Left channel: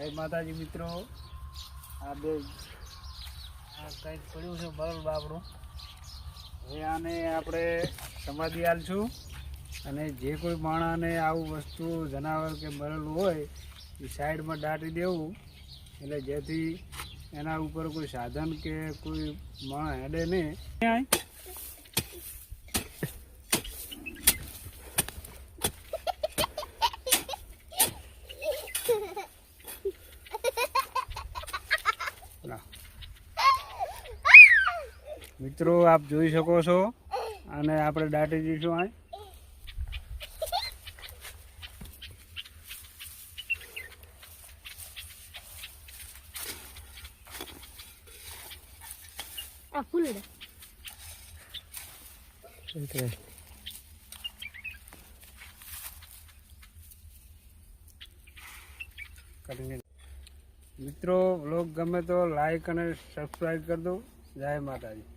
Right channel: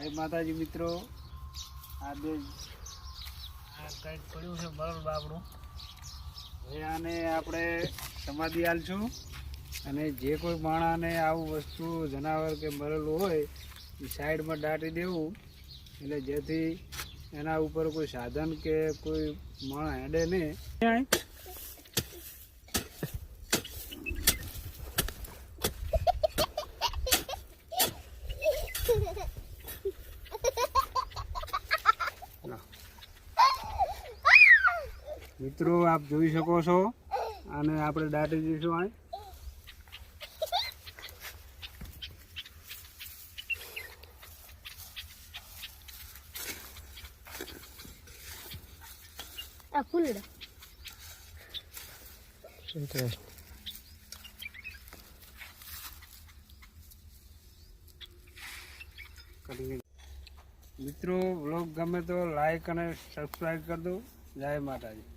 જય માતાજી મિત્રો, આ કંઈક પડ્યું છે બરોબર બાબરું. હવે આને આપણે સમાધિ આલશું અને જે કોઈ માણસને આવું વસ્તુ જનાવર કે મરેલું હોય એ સાઈડમાં દાટી દેવું, એટલે જેથી એના ઉપર કોઈ સાધન કે કોઈ માણસ હેડે નહીં. મિત્રો આપ જોઈ શકો છો, આને આપણે દાટી દઈશું. આ ફૂલ મિત્રો વ્લોગ ગમે તો લાઈક અને સબસ્ક્રાઈબ કરી દો. જય માતાજી.